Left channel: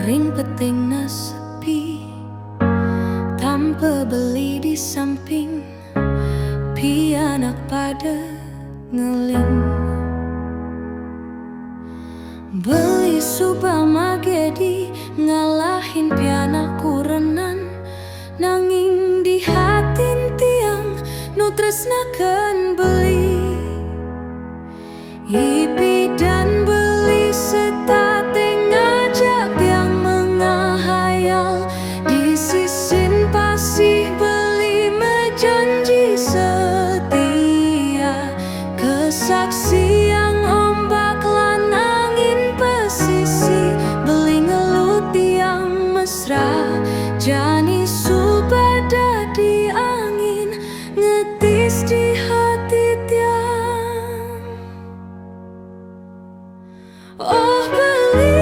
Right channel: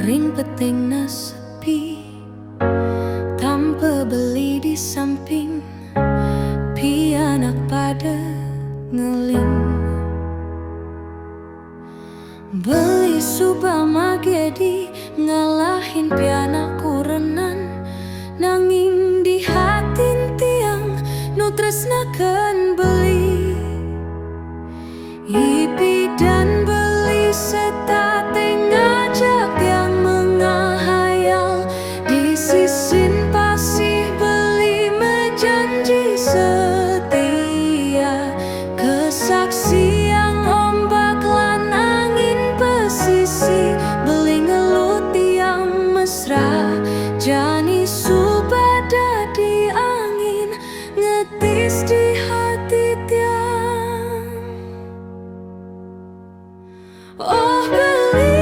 Ring peting sepi, tanpa beli di samping, pianak pada ngeling. Beli Subamagedi, ngalahin pianak kurenan, nanging di hatin tiang nu tresnakeun beli. Ipi dan beli setate ngajak yang mengahayal, di sisin pasih beli mejanji setia. Kesaksi yang ombak lan angin pesisi, beli ngelut yang mesra, jani subada di angin, ngetis di hati tiang. Oh beli,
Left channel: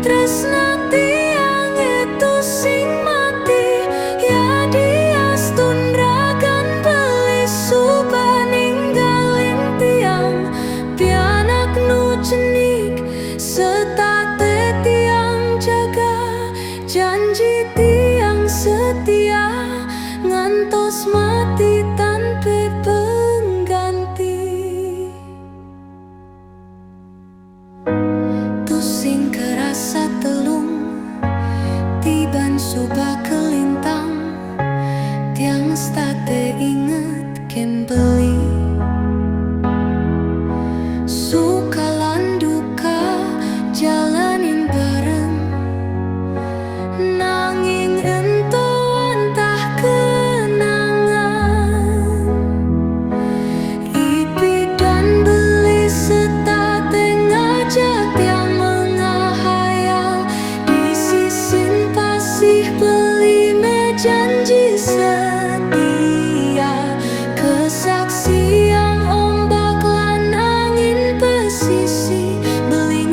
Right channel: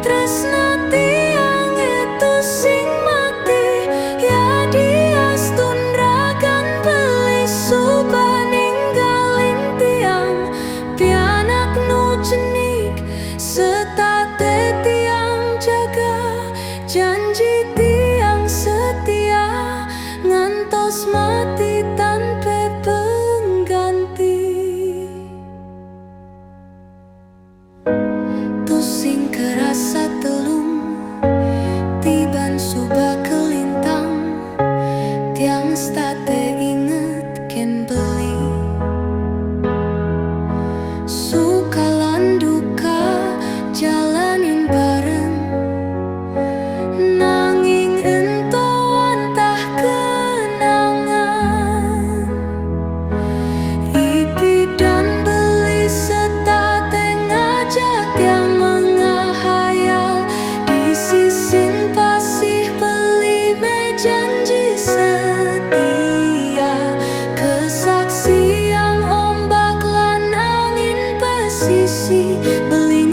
tresna tiang itu sing mati, ya dias tundragan beli suba ninggalin tiang. Pianak nu cenik, setate tiang jaga, janji tiang setia, ngantos mati tanpa pengganti. Sing kerasa telung, tiban suba kelintang, tiang state inget ken beli. Suka lan duka jalanin bareng, nanging ento antah kenangan. Ipi dan beli setate ngajak yang mengahayal, di sisin pasih beli mejanji setia. Kesaksi yang ombak lan angin pesisi, beli